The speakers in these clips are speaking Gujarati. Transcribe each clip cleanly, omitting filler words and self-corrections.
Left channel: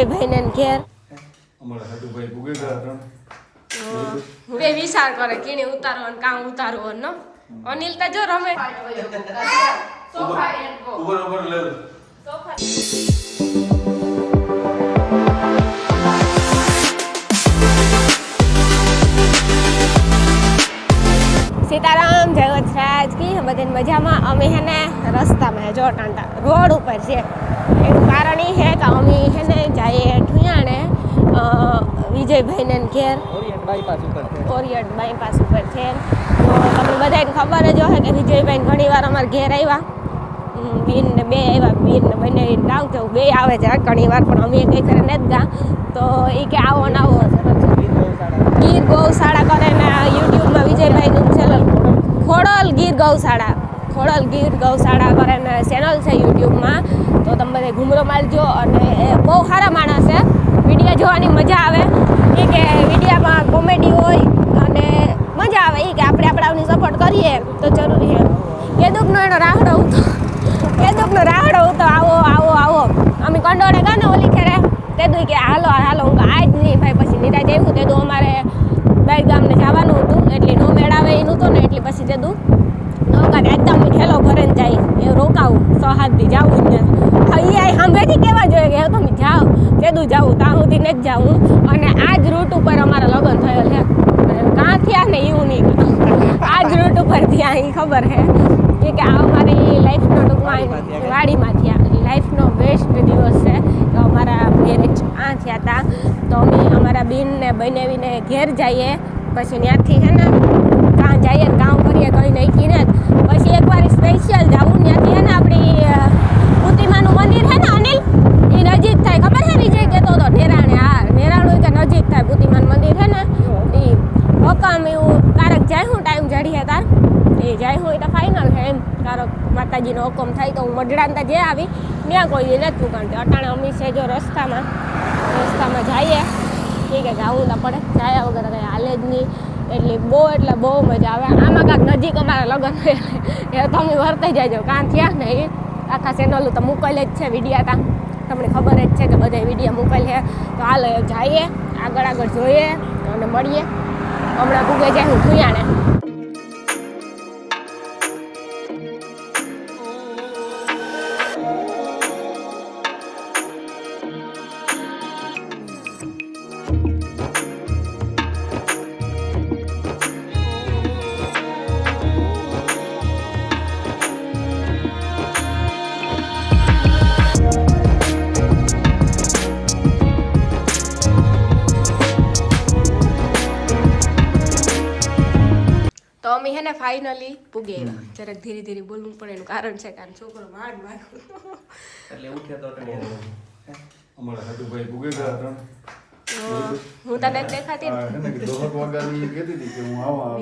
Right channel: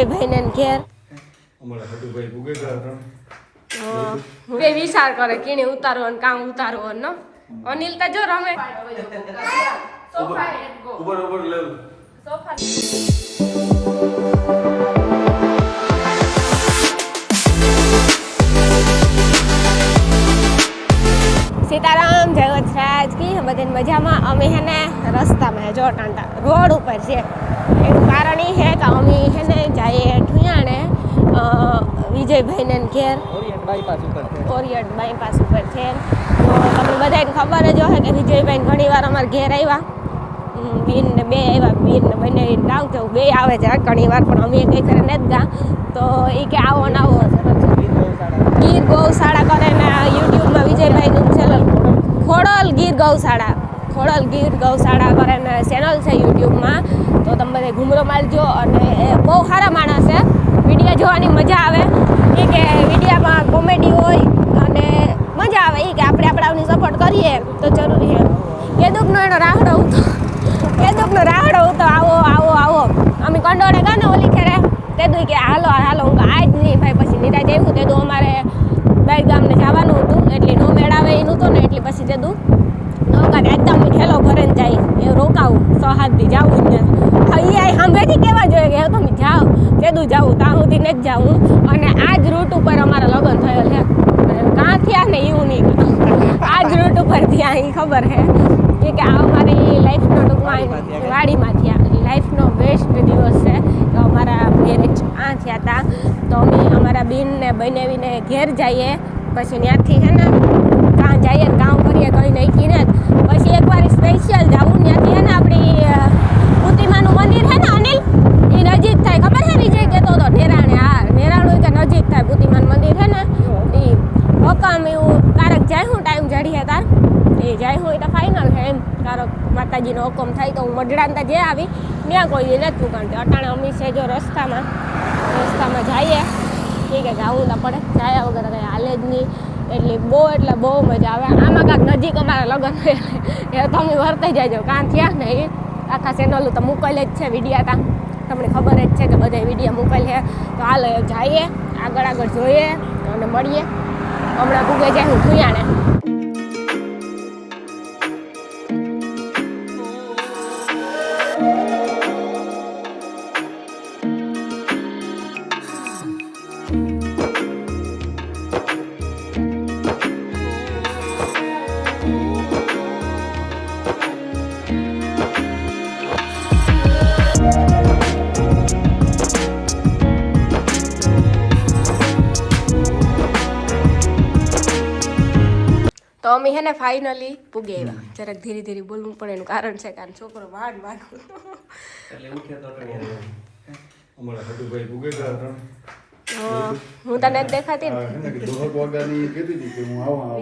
વિજયભાઈ ને ઘેર અમારા હટુભાઈ ભૂગે ગયા બે વિચાર કરે કીને ઉતારો અને કામ ઉતારો નો અનિલ તો જો રમે ઉપર લે સીતારામ જય વત્સરાજ કી બધાને મજામાં અમે હે ને રસ્તામાં જો ટાંટા રોડ ઉપર છે એનું કારણ એ છે કે અમે હે ને જઈએ ઠુયાણે વિજયભાઈ ને ઘેર ઓરિયન્ટ બાયપાસ ઉપર છે તો તમને બધાને ખબર જ હોય કે વિજયભાઈ ઘણી વાર અમારા ઘેર આવ્યા બીન ને બે આવ્યા બીન ને બંને ગાવ તો બે આવે છે ઘણી વાર પણ અમે કઈ કરે નથી ગા તો એ કે આવો ને આવો ગીર ગૌશાળા કરે ને યુટ્યુબમાં વિજયભાઈનું ચેનલ ખોડલ ગીર ગૌશાળા કરે ને ચેનલ છે યુટ્યુબમાં તો તમે બધા ઘૂમરો મારજો અને બહુ સારા માણસ છે વિડીયો જોવાની મજા આવે એ કે વિડીયામાં કોમેડી હોય અને મજા આવે એ કે આપણે આપણાની સપોર્ટ કરીએ તો જરૂરી છે કેદુકનો એનો રાહડો ઉતો આવો અમે કંડોળે ગાને ઓલી ખેરે તેદું કે હાલો હું આજ નહીં ભાઈ પછી નિરાજ આવ્યું તેદું અમારે બાઈ ગામને જવાનું હતું એટલે નો મેળાવે એનું હતું ને એટલે પછી તેદું નૌકા એકદમ ખેલો ભરે ને જાય એ રોકાવું 6-7 દી જાવું જ નથી એ સાંભળેથી કેવા જોઈએ કે તમે જાઓ તેદું જાવું ત્યાં સુધી નથી જાવું અને આ જ રૂટ ઉપર અમારા લગ્ન થયેલ છે કાં થયા ને એવું નહીં આ જ રૂટ ઉપર થયા એ ખબર છે કે આ અમારી લાઈફનો ટૂંકમાં વાડીમાં થયા લાઈફનો બેસ્ટ દિવસ છે તો અમારા મેરેજ આ થયા હતા તો અમે અમારા બેનને બનાવીને ઘેર જઈએ પછી ત્યાંથી છે ને કાં જઈએ ને કામ કરીએ કંઈ નક્કી ને પછી એકવાર સ્પેશિયલ જવું ત્યાંથી છે ને આપણી કૃતિમાનું મંદિર છે ને અનિલ એ નજીક થાય ખબર છે વિજય કહેતો હતો નેરાણું કે નજીક થાય કૃતિમાનું મંદિર છે ને એ હકામ એવું કારક જાય હું ટાઈમ જડીએ તાર એ જાય હોય તો ફાઇનલ છે એમ કારક માતાજીનો હુકમ થાય તો હું મઢડાનતા જે આવી ત્યાં કોઈ નથી કારણ કે અટાણે અમી છે જો રસ્તામાં જઈએ ઠીક છે જવું તો પડે જાય વગર કંઈ હાલે જ નહીં એટલે બહુ મજા આવે આમાં કાંક નજીક અમારા લગ્ન એ તમે વર્તાઈ જાયજો કાં થયા ને એ આખા ચેનલ તો મોકલે જ છે વિડીયા તા તમને ખબર જ છે કે બધા વિડીયો મોકલે છે તો હાલ જઈએ આગળ જોઈએ અને મળીએ હમણાં ભૂગે જાય હું ઠુયાણે તો અમે હે ને ફાઇનલી પૂગે આવ્યા જરાક ધીરે ધીરે બોલવું પડે એનું કારણ છે કારણ છોકરો વાડ એટલે ઉઠ્યો તો અમારા હટુભાઈ ભૂગે ગયા હું તને દેખાતી ને કે 10 વાગ્યાની કહેતી હતી કે હું આવા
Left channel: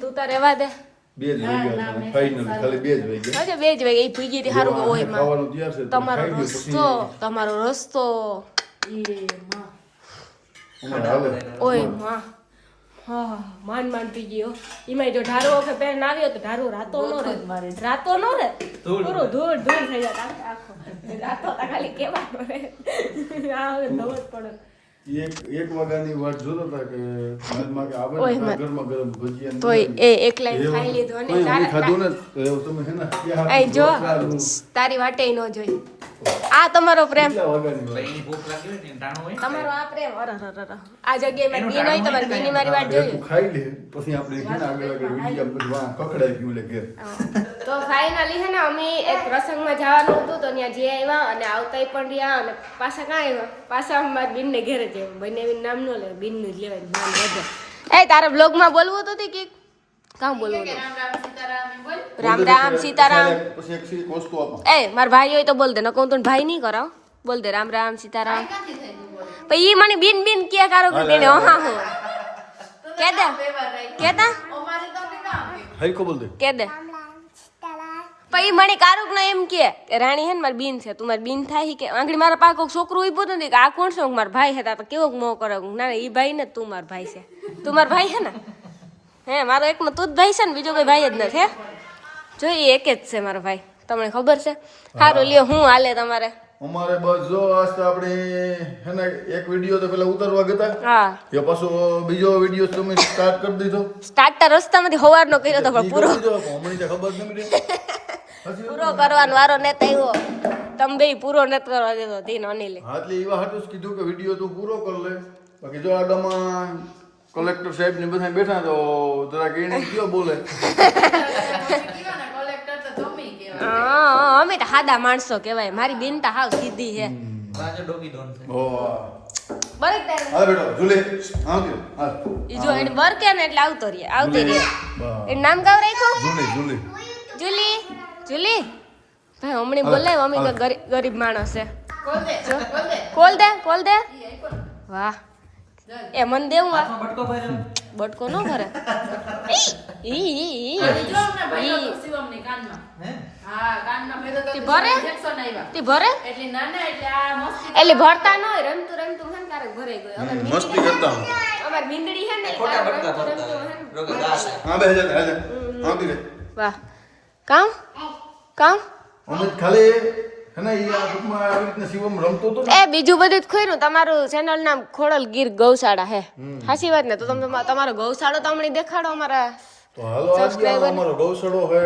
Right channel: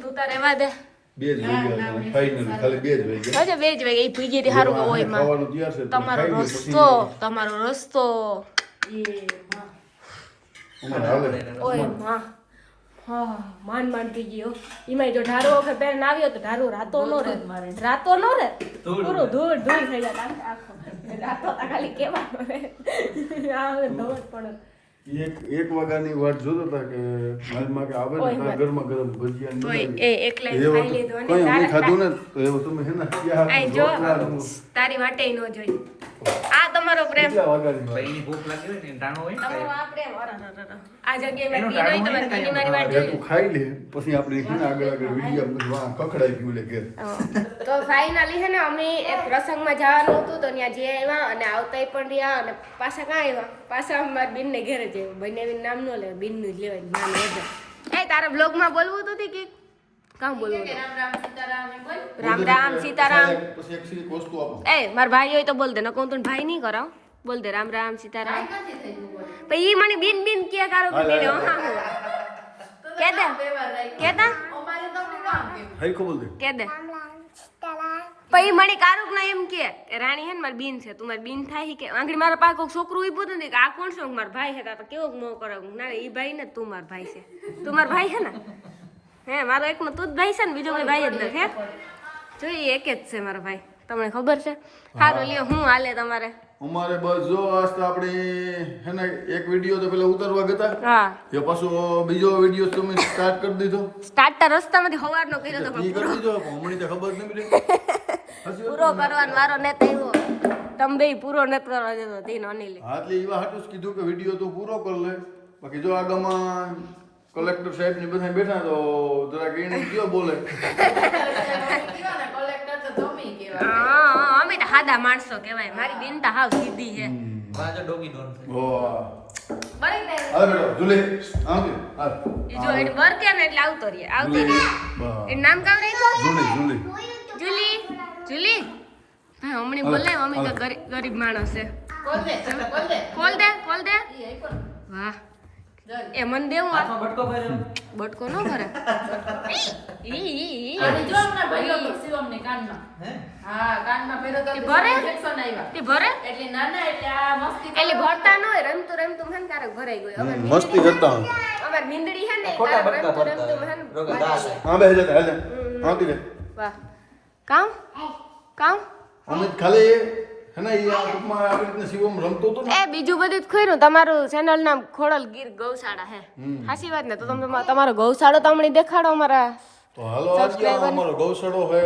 તું તાર રેવા દે 2 જ વાગ્યા ફાઇનલ ખાલી 2 જ વાગ્યા અરે 2 જ વાગે એ ભીગી રી હારું હોય માં ખાવાનું તૈયાર છે તમારો રસ્તો ઓય માં હા માંડ પી ગયો એમાં જો ઢારો વખત પહેરીને આવ્યો તો ઢારો રાતો નો રે પૂરો ધૂળ થઈ જાય આખો રાતો ખાલી કેવાનો રે આ ધવત પડે 1 વાગ્યાની વાત જોતો હતા કે માલમાં કે આવે ને ગરમા ગરમ ભજીયા તોય એ એકલા ખાઈ લીધો ને તારે ખાધું ને તો એવું તમે હે ને આ જો તારી વાટે નો જોઈ આ તમારો પ્રેમ વાગ્યાની ભૂખ લાગી હોય ને ટાણો હોય તમારો આ પ્રેમ આ જગ્યાએ મેં પીનાઈ તમારી ઘણી મારી વાત જોઈ તું ખાઈ લે પછી આપણે હે ને આગળ વિડિયો બધું કકડાઈ ગયું લે ઘેર તો ફાઇનલી છે ને અમે એક પ્રસંગમાં જવાનું હતું તો ત્યાં જે આવ્યા અને આવતાય પણ રહ્યા અને પાછા ક્યાં આવ્યા પાછા અમારા બેનને ઘેરે જ બંને નામ નો લે બેનનું જ લેવાય નામ વધે એ તારા બ્લોગમાં બોલવું હતું કે કામ બોલવું હતું રામ સીતારામ પછી એક સીરી વસ્તુ આપો એ મારા ભાઈ હોય તો બોલ દે ન કહું તો ભાઈ નહીં કરાવ બોલ દે રામ સીતારામ પછી ઈ મને બિન કે કારો કે બેને હા હું કેતા હઈ કો બોલ દે કે દે પછી મને કારુક ને એમ કે રાણી હે ને મારી બીન છે તું મારી બીન થાય કે આંગળી મારા પાસે કોઈક છોકરું ઉભું હતું ને કે આ કોણ છે મારા ભાઈ છે તો કેવો મોહ કરે ના એ ભાઈ ને તું મારા ભાઈ છે તું મારા ભાઈ છે ને હે મારો એકનો તું જ ભાઈ છે ને બીજો કોઈ ભાઈ જ નથી જોઈએ એક જ છે મારો ભાઈ તમને ખબર છે સારું લ્યો હું હાલે તમારે અમારે બસ જો આજ તો આપણે હે ને એક વિડીયો તો પેલા ઉતારવા ગયા હા એ પાછો બીજો વિડીયો તમે સ્ટાર્ટ કરી દીધો સ્ટાર્ટર રસ્તામાંથી હવારનો કર્યો તો પણ પૂરો હમણાં તો ખબર નહીં પડી પૂરો કરવાનો વારો ને આવ્યો તમે બે પૂરો નથી કરવા દેતો તીન અનિલે હા એટલે એવા હાટું જ કીધું કે વિડીયો તું પૂરો કર લે બાકી જો આગામાં કલેક્ટર સાહેબ ને બધા બેઠા તો જરાક એને કયો બોલે અમે તો સાદા માણસો કહેવાય મારી બિનતા હાવ સીધી છે હા બેટા ઝૂલે આવજો હા ઈ જો એને વર્કે ને એટલે આવતો રહે એનું નામ કાવ રાખ્યો ઝૂલે ઝૂલે જુલી જુલી ભાઈ હમણાં બોલાય અમે તો ગરીબ માણસ છે કોલ દે વાહ એ મન દેવું આ બટકો નો ભરે એટલે ભરતા ન હોય રમતું રમતું હે ને ક્યારેક ભરાઈ ગયું મસ્તી કરતા હું અમાર મીંદડી હે ને રમતું રમતું હે ને હા બે હજાર આપી દે વાહ કામ કામ અમે ખાલી હે ને આ ટૂંકમાં આવી રીતના શિવમ રમતો હતો ને એ બીજું બધું જ ખોયરું તમારું ચેનલ નામ ખોડલ ગીર ગૌશાળા હે સાચી વાત ને તો તમે તમારો ગૌશાળો તો હમણાં દેખાડો અમારા તો હાલો આજે અમારો ગૌશાળો હે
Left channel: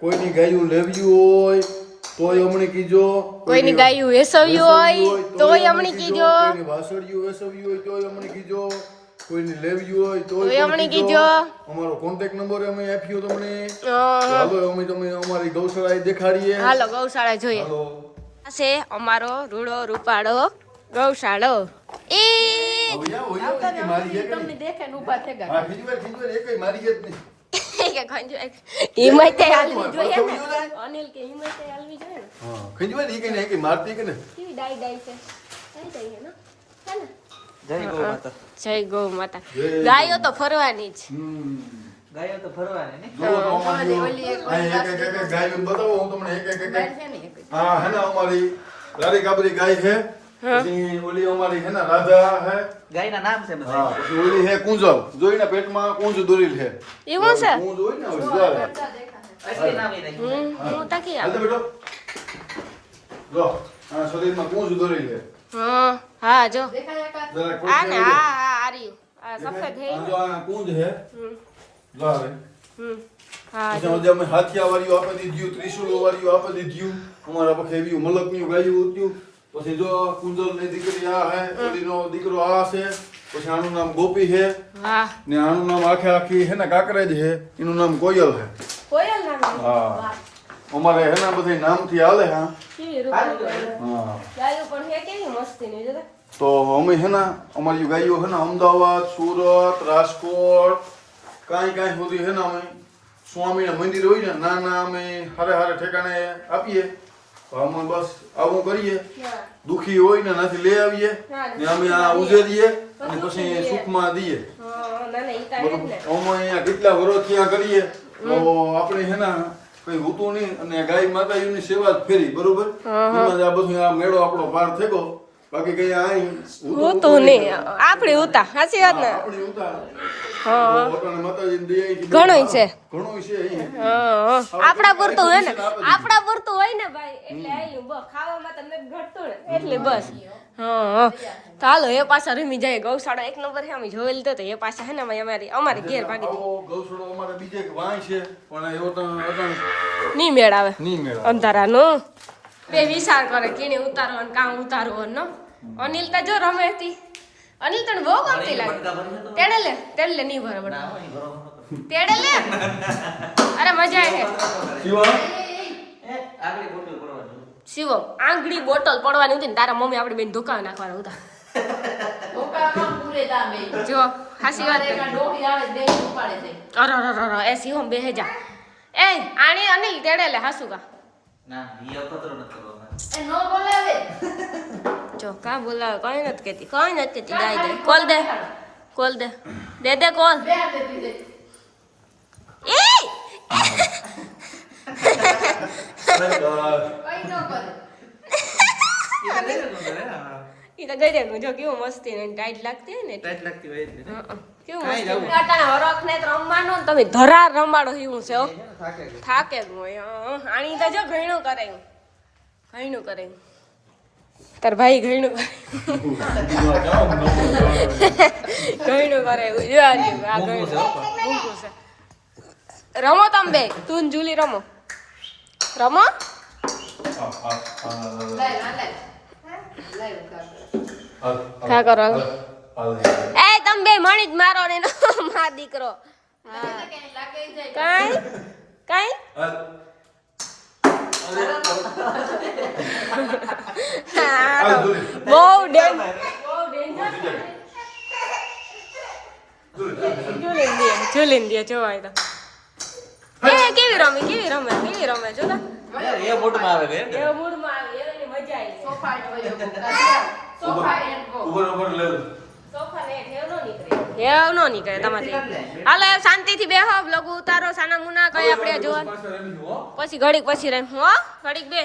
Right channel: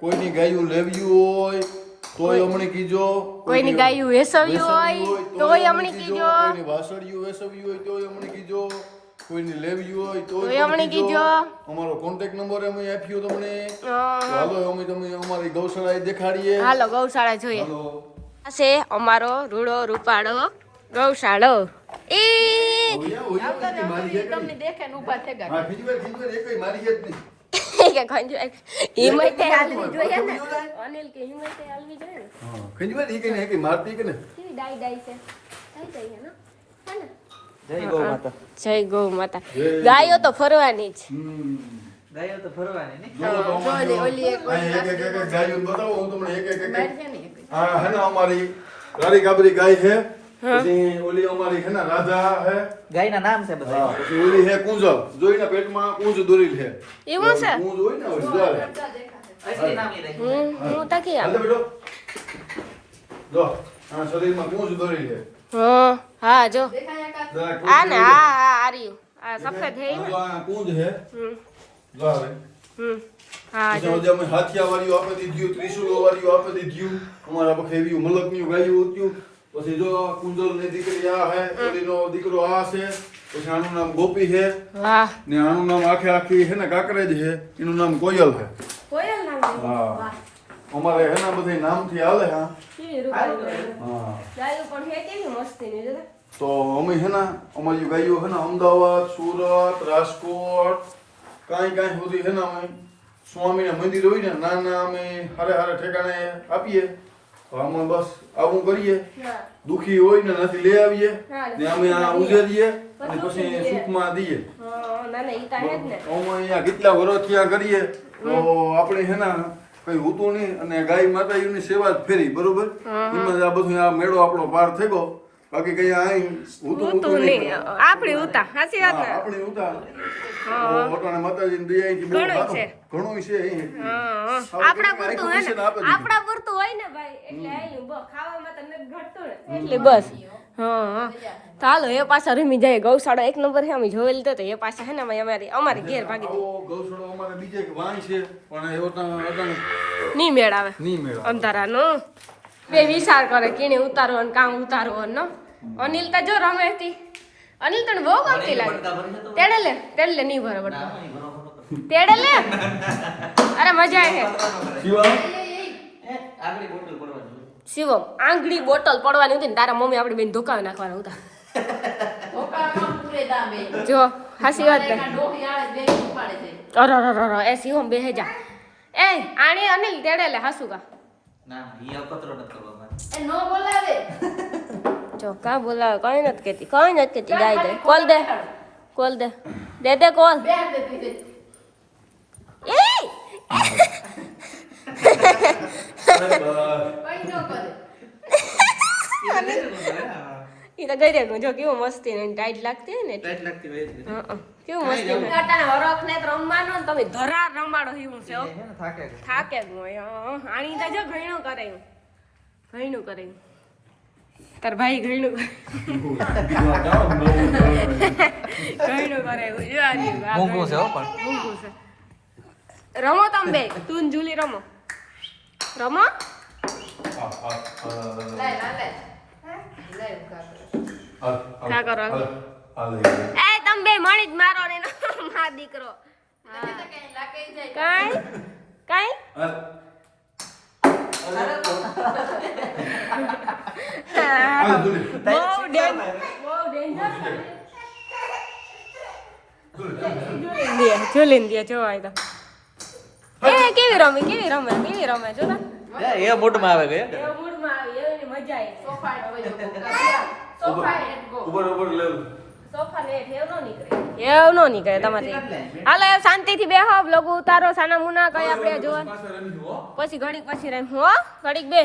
કોઈની ગાયું લેવી હોય તોય હમણાં કીજો કોઈની ગાયું વેસવ્યું હોય તોય હમણાં કીજો કોઈની વાસળિયું વેસવ્યું હોય તોય હમણાં કીજો કોઈની લેવી હોય તોય હમણાં કીજો અમારો કોન્ટેક્ટ નંબર અમે આપ્યો તમને હાલો અમે તમે અમારી ગૌશાળા દેખાડીએ હાલો ગૌશાળા જોઈએ આ છે અમારો રૂડો રૂપાળો ગૌશાળો એ ઓયા કે મારી હે કે દેખે ઉભા થઈ ગયા હા ખીજવા એકઈ મારી હે જ નહીં કે ખંજો હિંમતે હાલવી જોઈએ ને અનિલ કે હિંમતે હાલવી જોઈએ ને હા ખીજવા ઈ કે ને એકઈ મારતી કે ને કેવી ડાઈ છે ડાઈ હે ને જય ગૌ માતા જય ગૌ માતા ગાયો તો ફરવાની જ ગાયો તો ફરવાની ને ઓલી એક ગાયું બતાવો હું તમને એક હા હે ને અમારી રાડી ગાબરી ગાય છે પછી ઓલી અમારી હે ને રાધા હે ગાયના નામ છે બધા હા પછી ઓલી હે કુંજવ જોઈના પેટમાં કુંજ દોરેલ છે એવું છે કુંજ હોય ને ઓલી જારે એટલે નામ ઈ રાખ્યું. હું તાકી હાલે બેટો જો આ શરીરમાં કુંજ દોરેલ છે હા જો જરા આ ને હા આ રહ્યું આ સફેદ હે જો આ કુંજ હે જારે હા પછી આજે અમે હાથિયા વાળીઓ આપી દીધું ત્રિશુલો વાળીઓ આપી દીધું અમારા પખે એવી મલકનું ગાયું ઉત્યું પછી જો કુંજલ ની દીકરી આ હે ઓલીનો દીકરો આ છે પછી આનું નામ ગોપી છે વાહ ને આનું નામ આખી હે ને કાકરેજ છે એનું નામ કોયલ છે કોયલ નામ હા અમારે હે ને બધી નામથી હાલે હા કેવી રૂપાળી હા ગાયો પણ હે કેવી મસ્તી ની જોતા તો અમે હે ને અમારી ગાયો હે ને અમદાવાદ સુરત રાજકોટ કાંઈ સુધી હે ને અમે સ્વામીના મંદિર હોય ને નાના અમે હારે ઠેકાણે આપીએ તો અમે બસ આવું કરીએ દુખી હોય ને નથી લઈ આવીએ ને અમે આ ઉજેરીએ અને પછી સુખમાં દઈએ ના ના ઈ તા હે જ ને અમે અહીંયા કેટલા વર્ષ ત્યાં કરીએ તો આપણે હે ને કઈ હોતું નહીં અને ગાય માતાજીની સેવા જ ફેરી બરોબર એમાં જ આ બધું આ મેળો આપણો પાર થયો બાકી કઈ આ હોતું નહીં આપણી ઉતા સાચી વાત ને આપણી ઉતા ભગવાન માતાજીની દયાથી ઘણું છે ઘણું છે આપણા પૂરતું હે ને આપણા પૂરતું હોય ને ભાઈ એટલે આયું બસ ખાવામાં તો નથી ઘટતું ને એટલે બસ ચાલો એ પાછા રમી જાય ગૌશાળા એક નંબર છે અમે જોયેલ તો એ પાછા હે ને અમારી ઘેર ભાગી ગૌશાળો અમારે બીજે એક વાય છે પણ એવો તો નહીં મેળ આવે નહીં મેળ અંધારાનું બે વિચાર કરે કેને ઉતારો ને કામ ઉતારો નો અનિલ તો જો રમે હતી અનિલ તને બહુ ગમતી લાગે તેડે લે નહીં ભરે બટા તેડે લે અરે મજા આવે આગળી બોટલ પડવાની શિવમ આંગળી બોટલ પડવાની હતી ને તારા મમ્મી આપણી બેન ધોકાવી નાખવાના હતા જો હાસી વાત અરે એ શિવમ બેહે જા એ આણી અનિલ તેડે લે હાસુ કા ના ઈ અપત્રો ન કરવામાં જો કા બોલાવે કઈ નથી કેતી ગાય દે કોલ દે કોલ દે કોલ એ ઈ તો ગઈ રે જો કેવું મસ્તી ને ટાઈટ લાગતી હોય ને ટાઈટ લાગતી હોય એટલે કેવું મસ્તી કાટાને હરખ ને રમવાનું તમે ધરાર રમાડો એવું છે થાકે જ હોય આણી તો જો ઘણું કરાયું તાર ભાઈ ઘણું કરે ઘણું કરે એવું જો આ રહ્યું, આ મૂંગું છે હો ઘણું. પણ. મૂંગું છે. રમો તમે બે, તું ને જુલી રમો. રમો. કા કરો એ તમે બે મણી જ મારો ને એનો મા દીકરો. હા કાઈ કાઈ હા તો બહુ ડેન્જર ઝૂલીને દે જોવાય તો એ કેવી રમે જો તા એ મોટમાં આવે ગયા એવો મૂડમાં આવી એની મજા આવી સોફા લે ઠેવ નો નીકળે તમારે હાલો એ શાંતિથી બેહો બ્લોગ ઉતારો સાના મુના કઈ આપણે જોવા પછી ઘડીક પછી રહીશું હો ઘડીક બે